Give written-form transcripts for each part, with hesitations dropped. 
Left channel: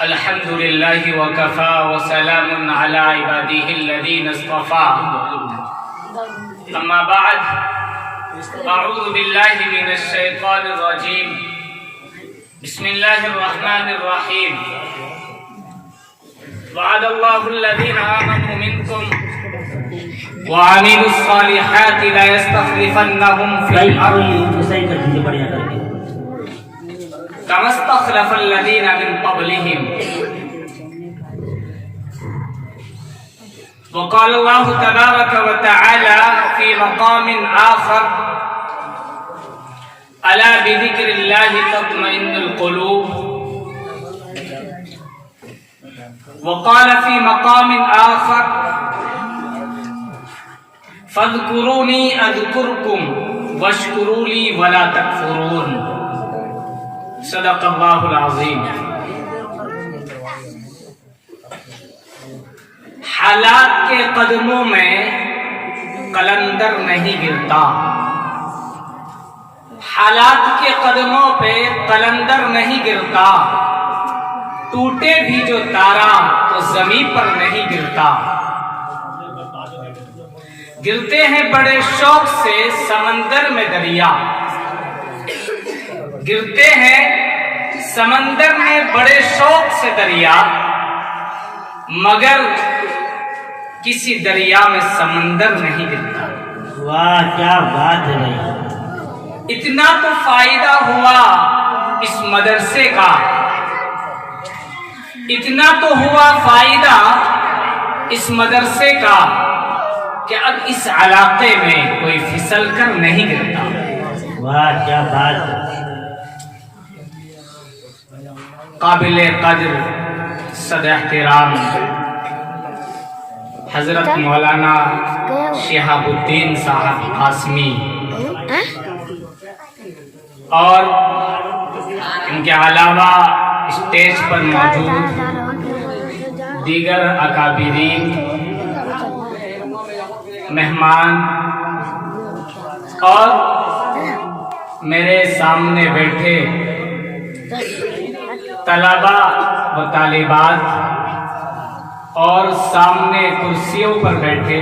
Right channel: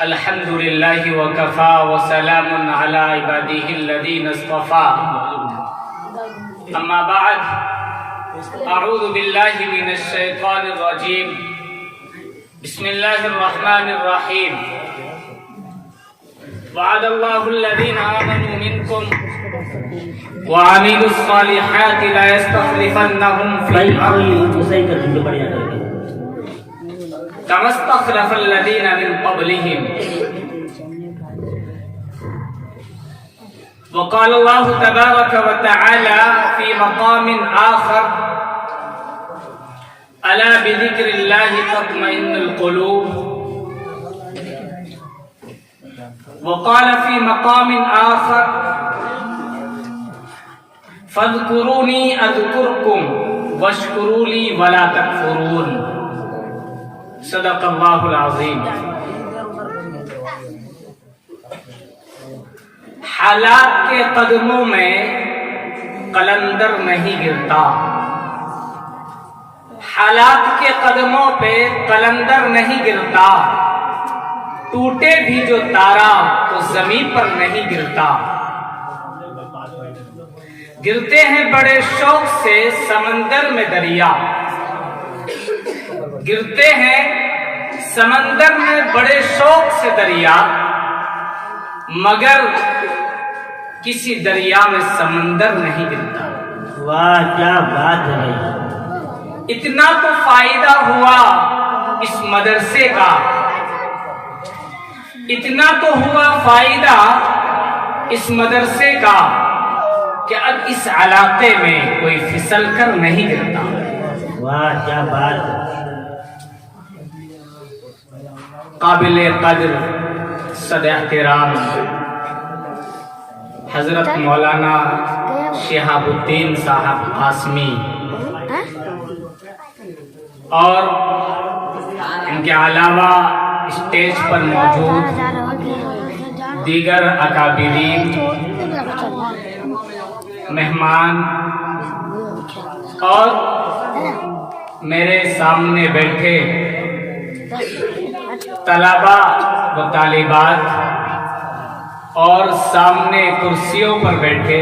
الحمد لله وكفى وسلام على عباده الذين اصطفى أما بعد أعوذ بالله من الشيطان الرجيم بسم الله الرحمن الرحيم وعد الله الذين آمنوا منكم وعملوا الصالحات لا يستخلفنهم في الأرض كما استخلف الذين من قبلهم وقال الله تبارك وتعالى في مقام آخر ألا بذكر الله تطمئن القلوب وقال في مقام آخر فاذكروني أذكركم واشكروا لي ولا تكفرون صدق اللہ العظیم۔ حالات کے قدموں میں قلندر نہیں گرتا، حالات کے قدموں پہ قلندر نہیں گرتا، ٹوٹے بھی جو تارا تو زمین پر نہیں گرتا، گرتے ہیں بڑے شوق سے سمندر میں دریا، گرتے ہیں سمندر میں بڑے شوق سے دریا، مگر کسی دریا میں سمندر نہیں گرتا۔ واہ کیا بات ہے بھائی، اتنا تو فائدہ ہوا اس مدرسے کا، اتنا تو ہوا فائدہ اس مدرسے کا کہ اب اس علاقے میں کوئی پھسل کر نہیں گرتا۔ واہ کیا بات ہے۔ قابل قدر صد احترام حضرت مولانا شہاب الدین صاحب قاسمی اور ان کے علاوہ اسٹیج پر موجود دیگر اکابرین مہمان اور میرے سامنے بیٹھے طلبہ و طالبات اور سامنے کرسیوں پر بیٹھے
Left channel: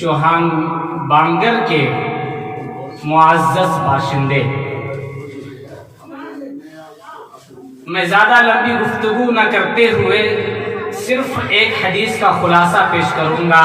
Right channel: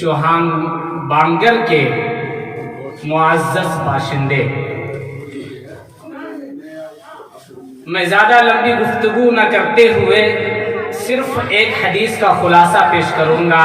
چوہان بانگر کے معزز باشندے، میں زیادہ لمبی گفتگو نہ کرتے ہوئے صرف ایک حدیث کا خلاصہ پیش کروں گا،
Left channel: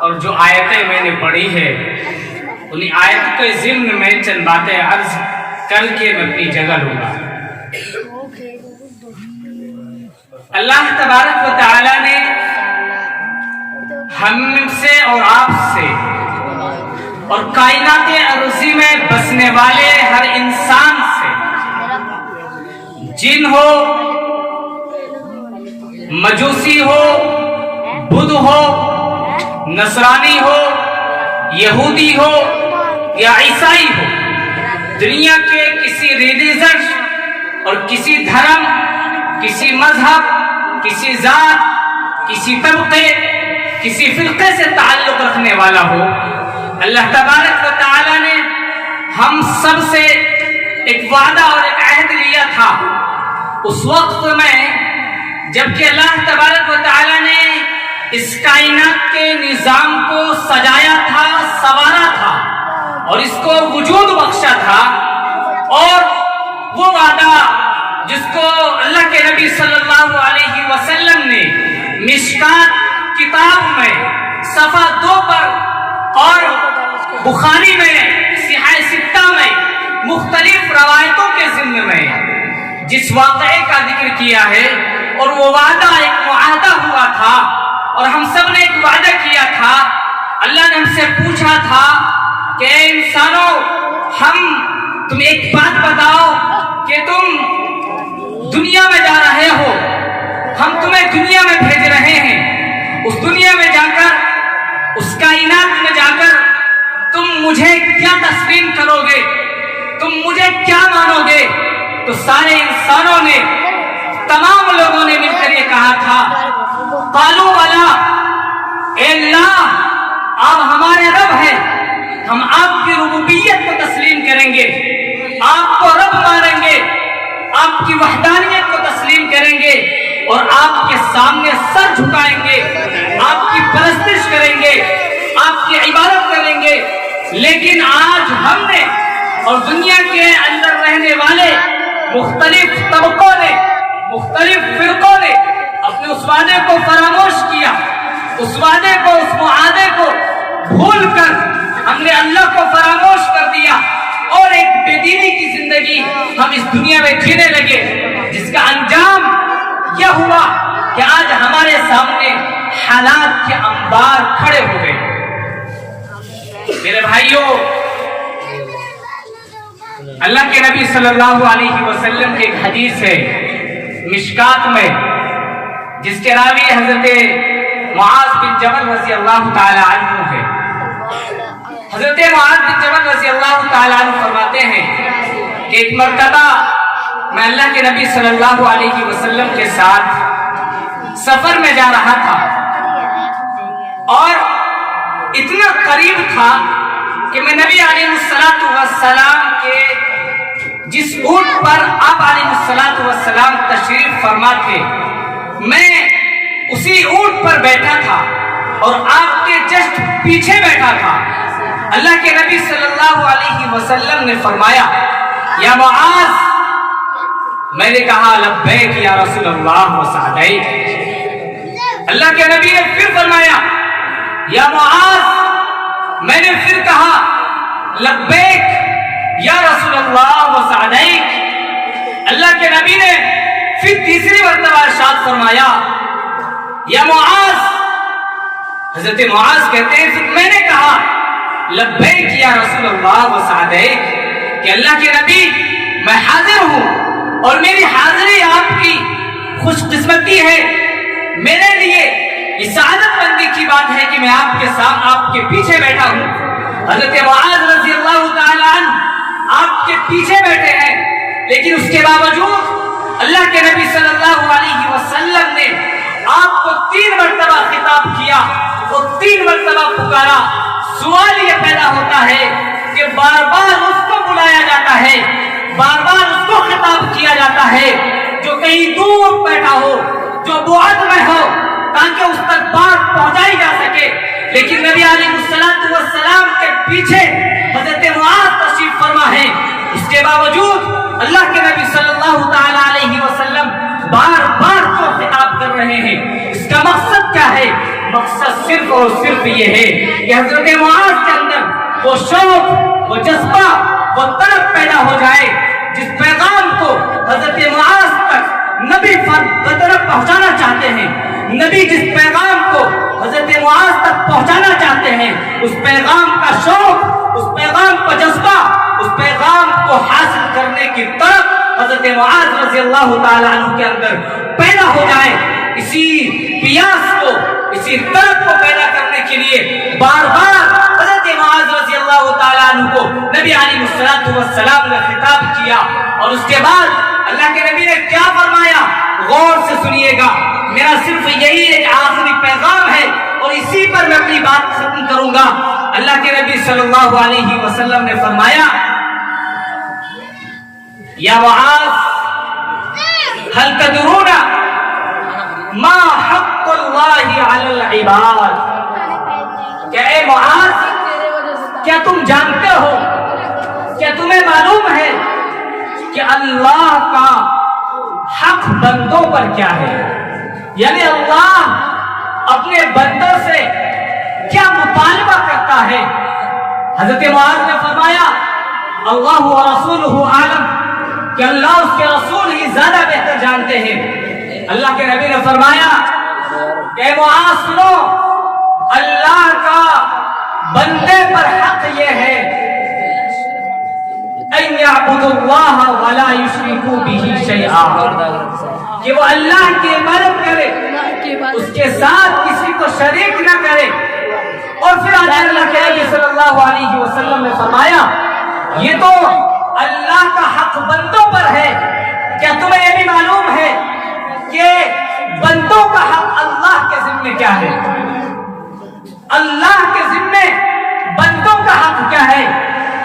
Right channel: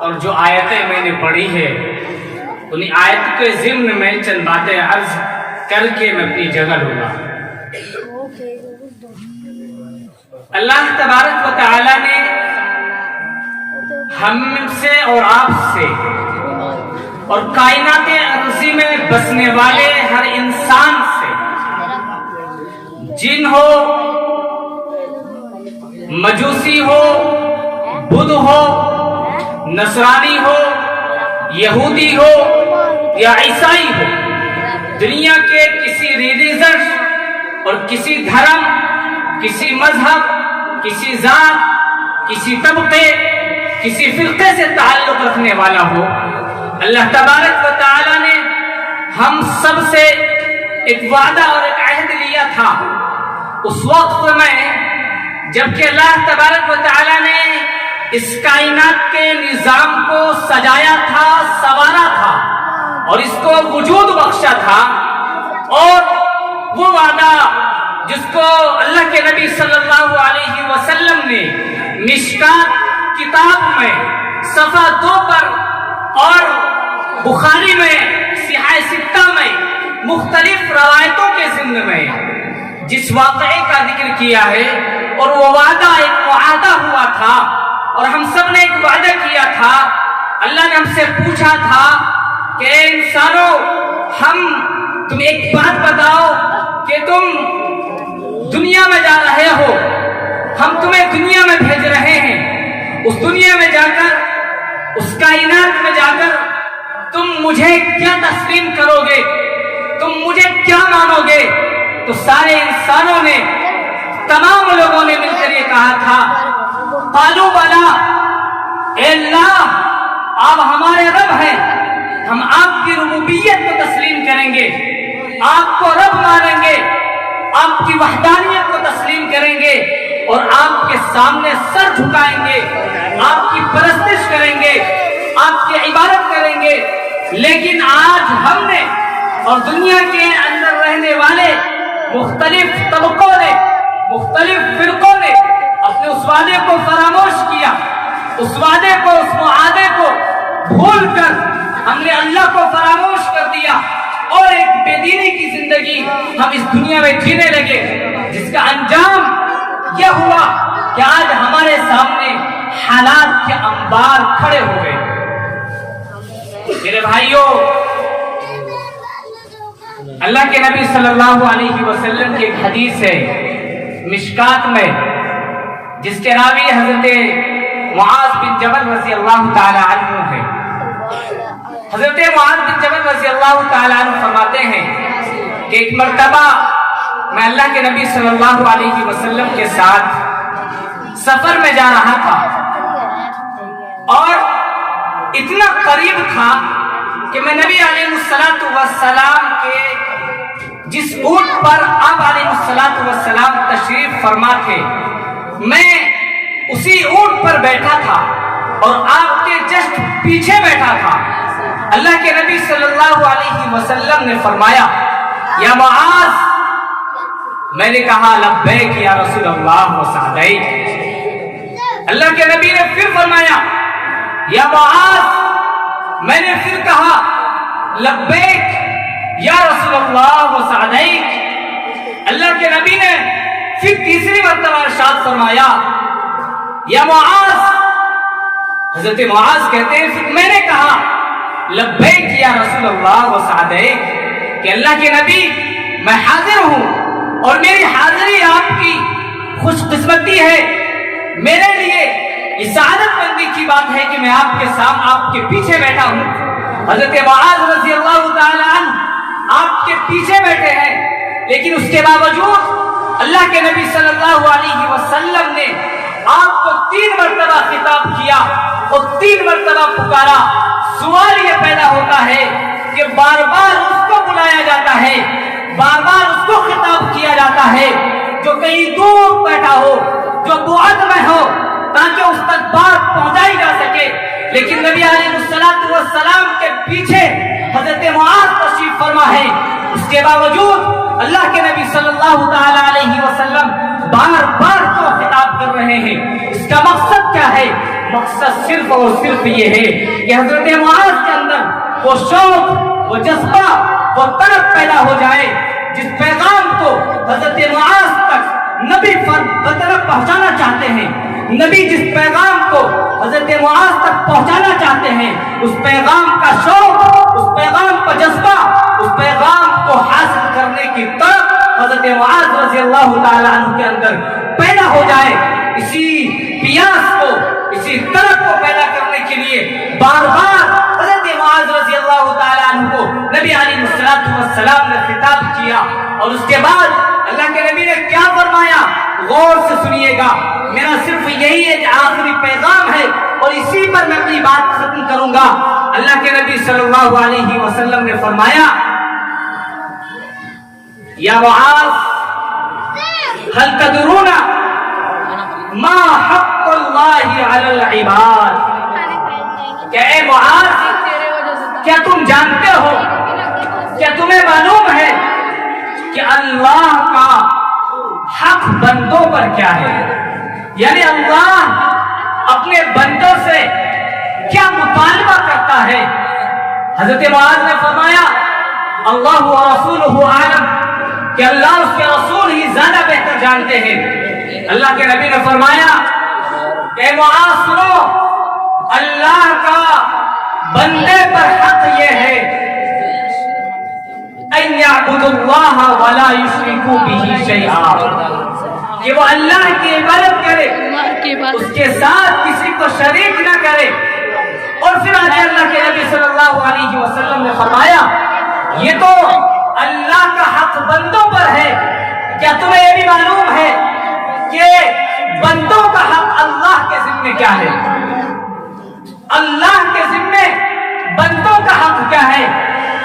اور جو آیتیں میں نے پڑھی ہے انہیں آیت کے ضمن میں چند باتیں عرض کر کے میں اپنی جگہ لوں گا۔ اللہ تبارک و تعالی نے ہم سے اور آپ سے اور کائنات ارضی میں بسنے والے ہر انسان سے، جن ہو، مجوسی ہو، بدھ ہو، نصرانی ہو، یہودی ہو یا عیسائی ہو، دنیا کے کسی ریلیجن اور کسی دھرم، کسی مذہب، کسی ذات، کسی طبقے، کسی فرقے سے تعلق رکھنے والا ہو، اللہ تبارک و تعالی نے ہم سب سے ایک وعدہ اور ایک عہد لیا تھا اس وقت میں جبکہ اللہ تبارک و تعالی نے اس کائنات کے نظام کو سجایا تھا، سنوارا تھا اور اس کو وجود بخشا تھا، اور وہ وعدہ جس کو اللہ کے نبی صلی اللہ علیہ وسلم نے مشکات کتاب میں صفحہ 2 پر اور بخاری میں صحیح ستہ میں مختلف روایتوں کے ضمن میں جس واقعے کا ذکر کیا ہے، اور وہ وعدہ ایک معاہدہ ہوا تھا، اور ہم سب نے ایک وعدہ کیا تھا۔ اللہ نے ہم سے پوچھا تھا کہ اے انسانوں، تم ایک بات بتاؤ کہ تم دنیا میں جا رہے ہو، ہم تمہیں دنیا میں بھیج رہے ہیں، اس دنیا میں جا کر، اس کائنات میں جا کر تم مجھے کیا تسلیم کرو گے، تم مجھے کیا مانو گے؟ تو سارے انسانوں نے، تمام لوگوں نے مل کر یہ کہا تھا، قالوا بلا، اے اللہ آپ ہمارے رب ہیں، ہم آپ کی ربوبیت کو تسلیم کریں گے، آپ کو رب مانیں گے، آپ کی وحدانیت کو تسلیم کریں گے اور آپ کے سامنے سر جھکائیں گے، آپ کی پرستش کریں گے، آپ کی عبادت کریں گے۔ لیکن آج ہم نے اور دنیا کے اندر رہنے والے مختلف طبقوں نے، مختلف فرقوں نے اپنے اس وعدے کو فراموش کیا، اس وعدے کو، اس معاہدے کو بھول کر ہم نے اللہ کو فراموش کر دیا اور ایک بے دینی کی زندگی ہم اس دنیا میں جینے لگے، جس کا انجام یہ ہوا کہ آج ہمارے سامنے حالات کے انبار کھڑے ہو گئے۔ میرے بھائیوں، اللہ کے نبی صلی اللہ علیہ وسلم کی ایک حدیث ہے مشکات میں، جس کے راوی حضرت معاذ بن جبل رضی اللہ تعالی عنہ ہے۔ حضرت معاذ بن جبل رضی اللہ تعالی عنہ فرماتے ہیں کہ ایک مرتبہ میں اللہ کے نبی صلی اللہ علیہ وسلم کے ساتھ سفر میں جا رہا تھا اور اتنا قریب تھا کہ میں نبی علیہ السلام کے جس اونٹ پر آپ علیہ السلام تشریف فرما تھے، میں اسی اونٹ پر بیٹھا تھا اور آپ کے جسٹ پیچھے بیٹھا تھا۔ اللہ کے نبی صلی اللہ علیہ وسلم نے فرمایا یا معاذ، میں نے کہا لبیک یا رسول اللہ و سعدیک۔ اللہ کے نبی نے پھر فرمایا یا معاذ، میں نے پھر کہا لبیک یا رسول اللہ و سعدیک۔ اللہ کے نبی نے پھر تیسری مرتبہ ارشاد فرمایا یا معاذ۔ حضرت معاذ کہتے ہیں پھر میں نے کہا لبیک یا رسول اللہ و سعدیک کہ اللہ کے نبی میں حاضر ہوں اور میری حاضری آپ کی خوش قسمتی ہے، میرے لیے یہ سعادت مندی کی بات ہے کہ میں آپ کے ساتھ آپ کے پیچھے بیٹھا ہوں۔ حضرت معاذ رضی اللہ تعالی عنہ آپ کے پیچھے بیٹھے ہیں، لیکن اس کے باوجود اللہ کے نبی صلی اللہ علیہ وسلم نے آپ کو 3 مرتبہ خطاب کیا اور 3 مرتبہ پکارا۔ سوال یہ پیدا ہوتا ہے کہ بار بار اس کو بلایا جاتا ہے، بار بار اس کو خطاب کیا جاتا ہے جو کہیں دور بیٹھا ہو، جو بعد میں ہو، تاکہ اس تک بات پہنچائی جا سکے۔ لیکن نبی علیہ السلام کے پیچھے حضرت معاذ تشریف فرما ہے، اس کے باوجود اللہ کے نبی صلی اللہ تعالی علیہ وسلم بار بار کو خطاب کر رہے ہیں۔ اس کا مقصد کیا ہے؟ مقصد صرف اور صرف یہ ہے کہ حضرت معاذ کے اندر وہ شوق، وہ جذبہ، وہ طلب پیدا ہو جائے جس پیغام کو حضرت معاذ تک نبی طرف پہنچانا چاہتے ہیں۔ نبی جس پیغام کو حضرت معاذ تک پہنچانا چاہتے ہیں، اس پیغام کا شوق، اس پیغام کا جذبہ، اس پیغام کو حاصل کرنے کی طرف حضرت معاذ رضی اللہ تعالی عنہ کے اندر پیدا ہو جائے۔ اسی پیاس کو، اسی طرف کو پیدا کرنے کے لیے بار بار حضرت معاذ رضی اللہ تعالی عنہ کو نبی علیہ السلام نے خطاب کیا۔ اور اس کے بعد اللہ کے نبی نے کیا فرمایا؟ غور سے سنیے گا، میرا صرف یہی ایک آخری پیغام ہے اور اسی پر میں اپنی بات ختم کروں گا۔ اللہ کے نبی صلی اللہ علیہ وسلم نے فرمایا یا معاذ هل تدرون ما حق اللہ علی العباد؟ کہ اے معاذ، کیا تم جانتے ہو، کیا تمہیں معلوم ہے کہ اللہ کا حق بندوں پر کیا ہے؟ یعنی اللہ اپنے بندوں سے کیا مطالبہ کرتا ہے؟ حضرت معاذ نے فرمایا اللہ و رسولہ عالم، کہ اللہ اس کے رسول ہی زیادہ بہتر جانتے ہیں۔ اللہ کے نبی نے فرمایا کہ معاذ سنو، اللہ کا بندے پر حق یہ ہے ان یعبدوا اللہ ولا یشرکوا بہ شیئا، کہ وہ اللہ کی عبادت کرے، اس کے ساتھ کسی کو شریک نہ کرے۔ اور پھر آگے اللہ کے نبی صلی اللہ علیہ وسلم نے فرمایا یہ تو اللہ کا حق بندوں پر ہے، کیا تمہیں یہ بھی معلوم ہے کہ بندوں کا حق اللہ کے ذمہ کیا ہے؟ اللہ کے ذمہ بندوں کا حق کیا ہے؟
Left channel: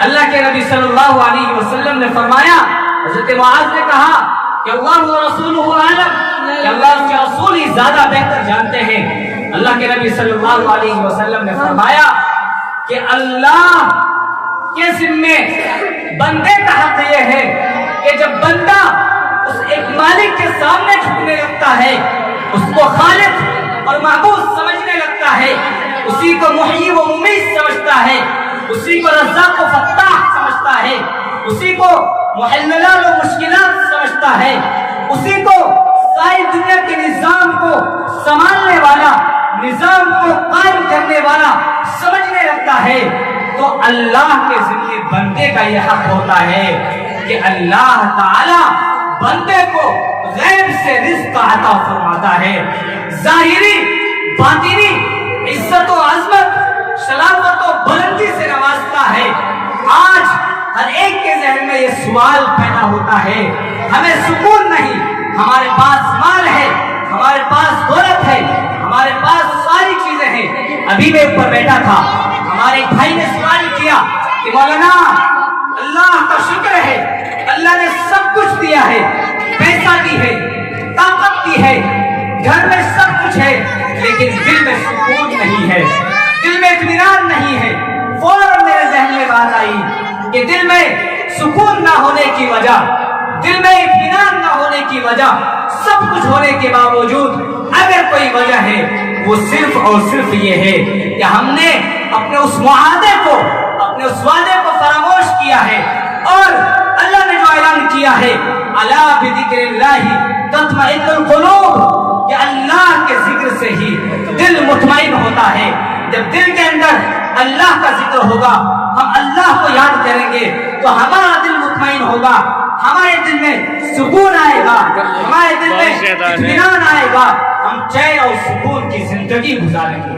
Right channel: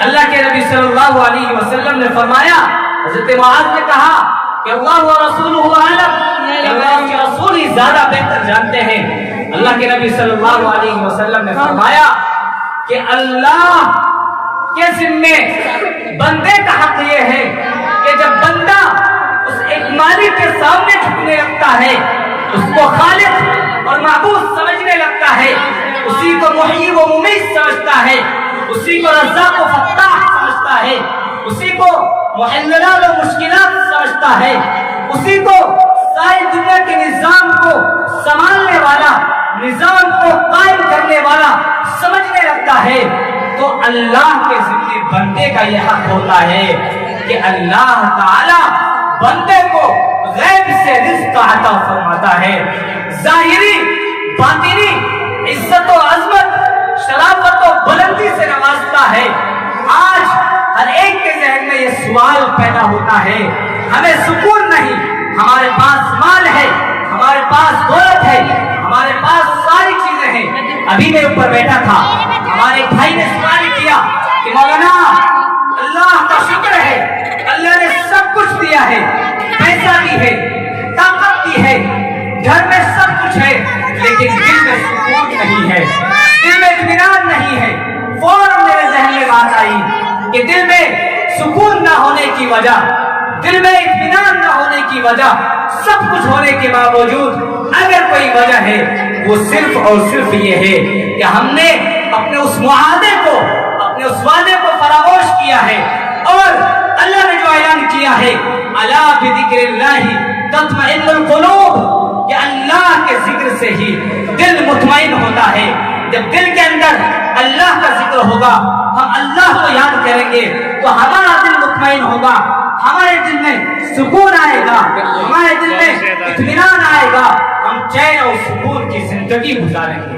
اللہ کے نبی صلی اللہ علیہ وسلم نے فرمایا، حضرت معاذ نے کہا کہ اللہ و رسولہ اعلم، کہ اللہ کے رسول ہی زیادہ بہتر جانتے ہیں۔ اللہ کے نبی صلی اللہ علیہ وسلم نے فرمایا کہ اللہ کے ذمے بندے کا حق یہ ہے کہ جب بندہ اس ایک مالک کے سامنے جھکنے لگتا ہے، اس کو خالق اور معبود سمجھنے لگتا ہے، اسی کو محیی و ممیت سمجھتا ہے، اسی کو رزاق و فتاح سمجھتا ہے، اسی کو محللات و مشکلات سمجھتا ہے، اسی کو ساری دنیا کے نظام کو سنبھالنے والا، نظام کو قائم کرنے والا سمجھنے لگتا ہے، تو اللہ کے ذمہ بندے کا یہ حق ہوتا ہے کہ اللہ تعالی بندے کو غیب سے رزق عطا فرماتا ہے، ظاہری باطنی عزت و عظمت، شرافت و بلندی سے نوازتا ہے۔ آج ہر ایک کے ذہن میں یہ سوال پیدا ہوتا ہے، ہمیں سکون نہیں، ہمارے پاس مال ہے، ہمارے پاس دولت ہے، ہمارے پاس ساری چیزیں ہیں۔ ابھی میں اوپر بیٹھا تھا، ہمارے ایک بھائی نے سوال کیا کہ مولانا اللہ کا شکر ہے، اللہ نے سب کچھ دیا ہے، پیسہ بھی ہے، طاقت بھی ہے، گھر میں سب کچھ ہے، لیکن دل میں سکون نہیں ہے، دل میں اطمینان نہیں ہے۔ فوراً میرے ذہن میں بات آئی کہ دل میں سکون نہ ہونے کی وجہ، دل میں اطمینان نہ ہونے کی وجہ، سب کچھ ہونے کے باوجود اگر کوئی وجہ ہے وہ صرف اور صرف یہ ہے کہ ہم نے اپنے اس معاہدے کو، اپنے اس وعدے کو فراموش کیا ہے، اور اللہ نے جو اعلان کیا ہے الا بذکر اللہ تطمئن القلوب، کہ اللہ کے ذکر سے ہی دل مطمئن ہوتا ہے۔ جب دل کے اندر اللہ کا ذکر ہوگا، ہم اللہ کو یاد کریں گے تو ہمارا دل مطمئن ہوگا، ہمارے دل میں سکون آئے گا، ہمارے دل میں اطمینان آئے گا، ہم چین اور سکون کی زندگی گزاریں گے۔